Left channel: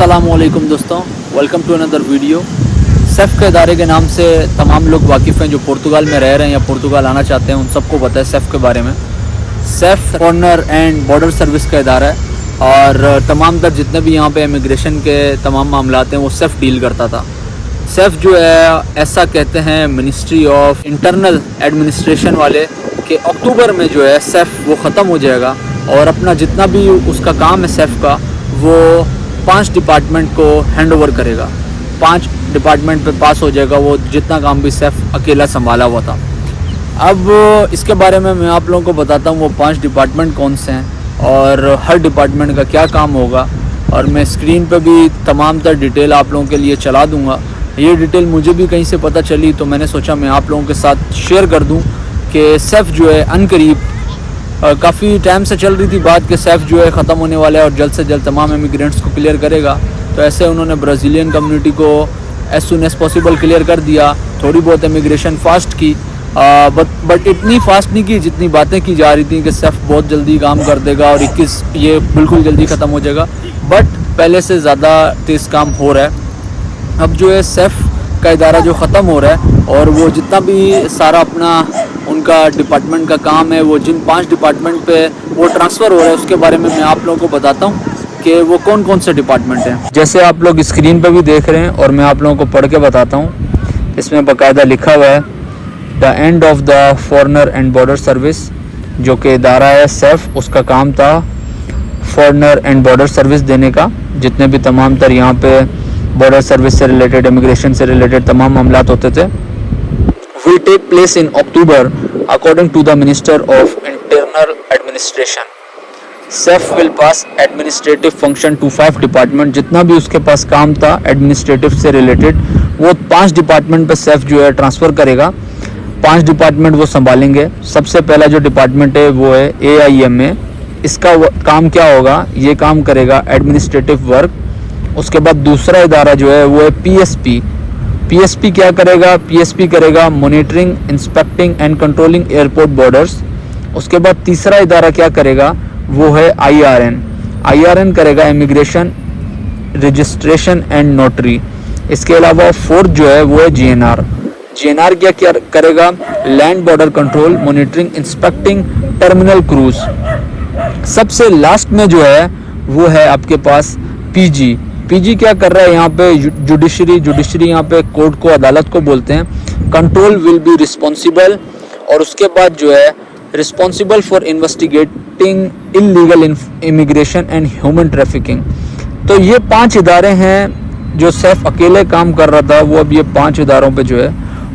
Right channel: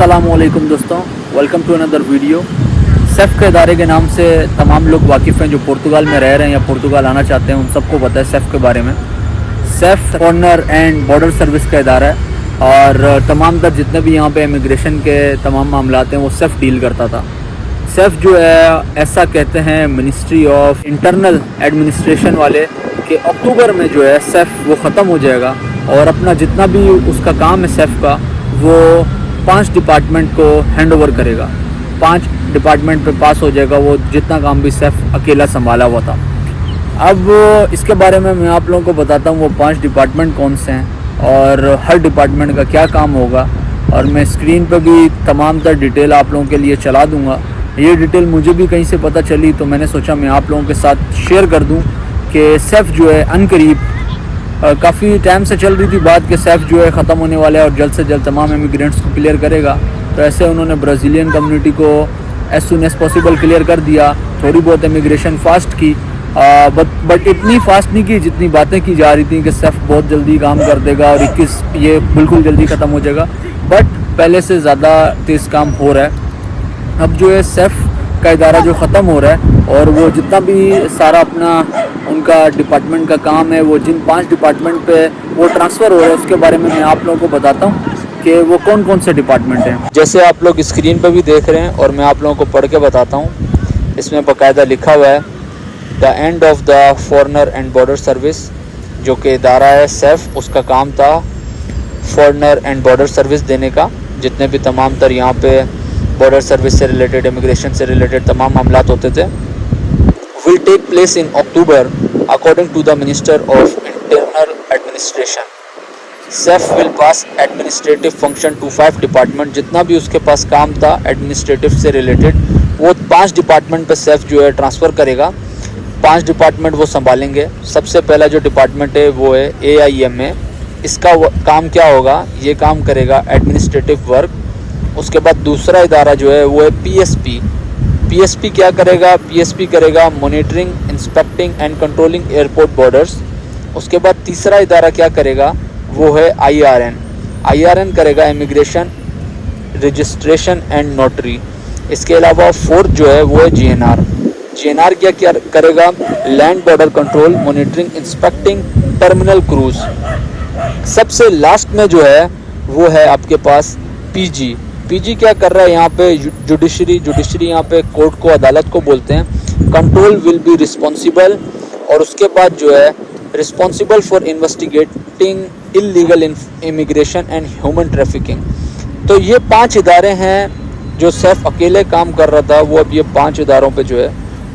अस्सलामुअलैकुम दोस्तों, welcome to another video. सेफ के इदारे के नाम से तमाम लोग वाकिफ़ हैं जो पुर्तगाल में रह रहे हैं या पुर्तगाल आना चाहते हैं, उन सबको पता है सेफ के बारे में। Safe corner and border service का इदारा है और तमाम तर जितने भी यहाँ पे इमिग्रेशन के तमाम मामलात हैं वो सेफ डील करता था। सेफ जो है ऐसा कहते हैं मिनिस्ट्री ऑफ इंटरनल एडमिनिस्ट्रेशन वाले कि अक्टूबर में जो है सेफ वो ख़त्म हो जाएगा और अपना जितना भी उसका काम है सेफ का वो 5 डिपार्टमेंट को हैंड ओवर करेगा। 5 डिपार्टमेंट पे पास हो जाएगा वो, जितना काम भी सेफ अकेला संभाला हुआ था। अब इसके बारे में मैं आप लोगों को बताता हूँ वो 5 डिपार्टमेंट कौन से हैं और हर डिपार्टमेंट का क्या काम होगा, और मैं स्क्रीन पे भी तमाम तर डिटेल आप लोगों के लिए चला दूँगा। ये डिटेल मुझे भी कहीं से पता चली तो मैंने सोचा मैं आप लोगों के साथ शेयर कर दूँ कि सेफ जो है अनकरीब काफ़ी टाइम से चल रही थी बात कि सेफ जो है ख़त्म होने वाला है और जल्द से जल्द तमाम इमिग्रेंट्स को क्लियर करेगा। तो ऐसे उन्होंने ब्राज़ीलियन कम्युनिटी को as soon as possible clear कर दिया। थोड़ी बहुत इमिग्रेशन फ़ास्ट की, बट इतनी फास्ट नहीं की जितनी बातें की जा रही थी कि सेफ बहुत जल्दी काम कर देगा और 21 ये बिल्कुल जल्दी ख़त्म हो जाएगा। बट पहले से ज़्यादा तेज़ काम हो रहा है। अब जो है सेफ का इदारा जो ख़त्म हो रहा है और वो जितना भी सारा अपना उनका डिपार्टमेंट का काम है वो जिन 5 डिपार्टमेंट पे वो ट्रांसफ़र हो रहा है उसके बारे में मैं आप लोगों को बताता हूँ कि वो कौन कौन से डिपार्टमेंट हैं। जैसे आप लोग स्क्रीन पे भी देख रहे हैं और मैं आप लोगों को पढ़ के बताता हूँ। इसमें बाकायदा लिखा हुआ है the end of the foreigner and border service, जो कि इदारा है सेफ। उसका काम था फॉरेनर एंड बॉर्डर सर्विस देने का। जितने भी तमाम तर यहाँ पे बॉर्डर सर्विस से रिलेटेड, इमिग्रेशन से रिलेटेड तमाम मामला होते थे, will take place in October according to the Minister of Internal Administration. SEF will pass administrative function to 5 department. जितना भी उसके पास काम था एडमिनिस्ट्रेटिव से रिलेटेड वो 5 डिपार्टमेंट पे सेफ जो है ट्रांसफ़र करेगा। 5 डिपार्टमेंट वो संभालेंगे। सबसे पहला जो डिपार्टमेंट है वो है AIMA। इसका काम क्या होगा, ये काम करेगा एडमिनिस्ट्रेटिव वर्क। उसके बाद दूसरा इदारा जो है वो है PSP क्या करेगा, PSP करेगा monitoring, inspecting and controlling airport borders. उसके बाद तीसरा इदारा क्या करेगा वो है IRN करेगा इमिग्रेशन, रजिस्ट्रेशन एंड नोटरी। इसके अलावा फोर्थ जो है वो है GNR क्या करेगा, land border control, monitoring, inspecting, terminal cruise. सबसे लास्ट में जो है वो है आपके पास PG क्या कर रहा है यहाँ पे, जुडिशरी यहाँ पे कोर्ट को, अदालत को बोलते हैं। कंट्रोल विल बी रिस्पॉन्सिबल, और उसके बाद जो है responsible for investigating illegal immigration and human trafficking. तो ये 5 इदारे हैं जो सेफ अकेले काम कर रहा था, वो अब ये 5 इदारों पे जो है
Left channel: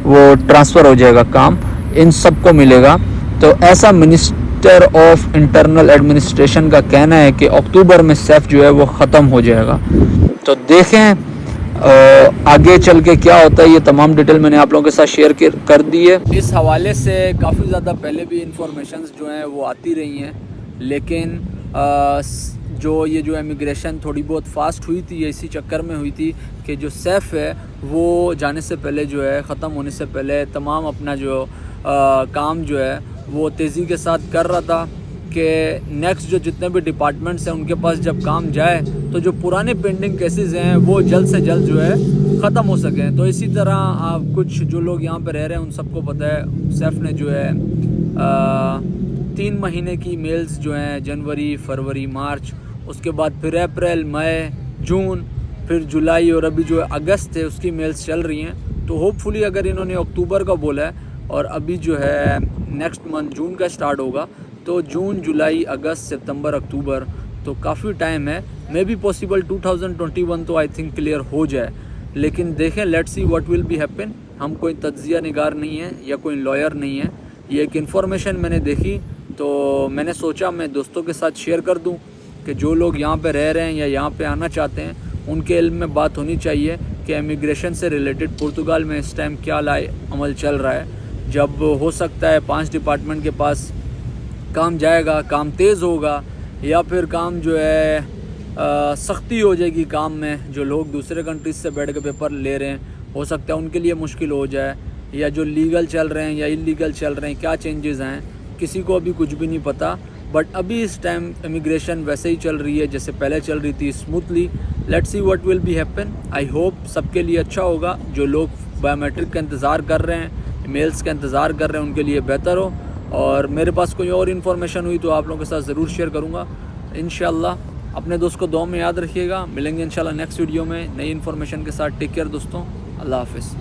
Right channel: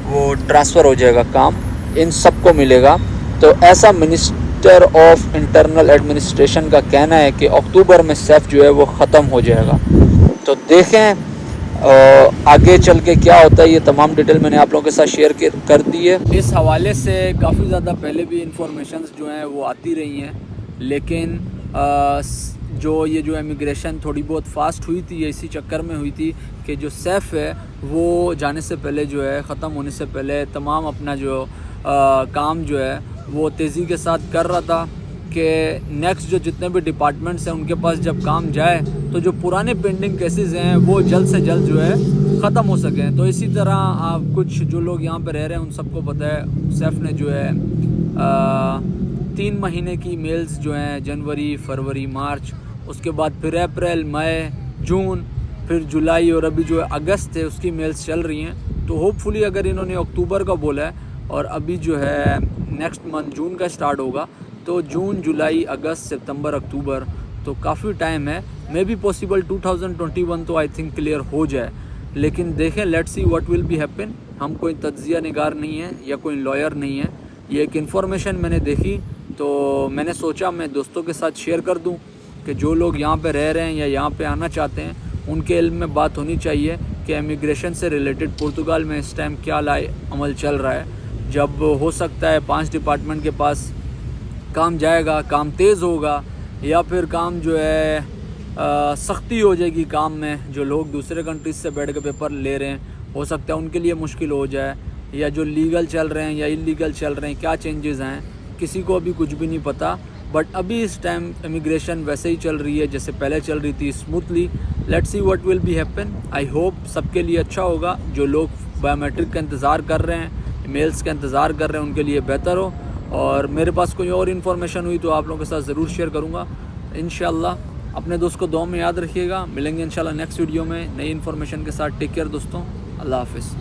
वो ट्रांसफ़र हो जाएगा, काम इन सबको मिलेगा। तो ऐसा मिनिस्टर ऑफ इंटरनल एडमिनिस्ट्रेशन का कहना है कि अक्टूबर में सेफ जो है वो ख़त्म हो जाएगा। तो देखें आगे चल के क्या होता है। ये तमाम डिटेल मैंने आप लोगों के साथ शेयर कर दी है। इस हवाले से काफ़ी ज़्यादा पहले भी इंफॉर्मेशंस जो हैं वो आती रही हैं, लेकिन जो इमिग्रेशन थोड़ी बहुत फास्ट हुई थी, ये इसी चक्कर में हुई थी कि जो सेफ है वो जाने से पहले जो है ख़त्म होने से पहले तमाम अपना जो काम जो है वो तेज़ी के साथ कर रहा था कि नेक्स्ट जो जितने भी डिपार्टमेंट्स हैं उनके पास जब काम जाए तो जो पुराने पेंडिंग केसेस हैं वो जल्द से जल्द जो है ख़त्म हो सकें। तो इसी तरह कुछ जो लोग यहाँ पे रह रहे हैं उन सबको पता है सेफ ने जो है 3 महीने की मेल्स जो हैं जनवरी, फरवरी, मार्च, उसके बाद फिर अप्रैल, मई, जून, फिर जुलाई और अभी जो है अगस्त है उसकी मेल्स चल रही हैं। तो होपफुली अगर इन्होंने अक्टूबर का बोला है और अभी जो है नेक्स्ट मंथ जून का स्टार्ट होगा, तो जून, जुलाई, अगस्त, सितंबर, अक्टूबर, तो काफ़ी टाइम है। मे बी पॉसिबल 2021 तो आई थिंक क्लियर हो जाए, लेकिन देखें, let's see what will be happen. हम कोई तज्जिया निगार नहीं है या कोई लॉयर नहीं है। ये एक इन्फॉर्मेशन मैंने देखी तो मैंने सोचा मैं दोस्तों के साथ शेयर कर दूं कि जो लोग यहाँ पे रह रहे हैं या यहाँ पे आना चाहते हैं उनके इल्म में बात होनी चाहिए कि इमिग्रेशन से रिलेटेड पुर्तगाल में इस टाइम क्या अमल चल रहा है। जब हो सकता है 5 डिपार्टमेंट के पास काम जाएगा, काम तेज़ होगा, या फिर काम जो है सख्ती हो जाएगी काम में। जो लोग दूसरे कंट्रीज से बैठ के पेपर ले रहे हैं हो सकता है उनके लिए मुश्किल हो जाए, या जो लीगल चल रहे हैं या इलीगल चल रहे हैं, क्या चेंजेस हैं किसी को अभी कुछ भी नहीं पता। बट अभी इस टाइम इमिग्रेशन वैसे ही चल रही है जैसे पहले चल रही थी, smoothly. Let's see what will be happen. I hope सबके लिए अच्छा होगा। जो लोग बायोमेट्रिक का इंतज़ार कर रहे हैं, मेल्स का इंतज़ार कर रहे हैं, उनके लिए बेहतर हो। और मेरे पास कोई और इन्फॉर्मेशन हुई तो आप लोगों के साथ ज़रूर शेयर करूँगा इंशाल्लाह। अपने दोस्त को दुआ में याद रखिएगा। मिलेंगे इंशाल्लाह नेक्स्ट वीडियो में नई इन्फॉर्मेशन के साथ। टेक केयर दोस्तों, अल्लाह हाफ़िज़।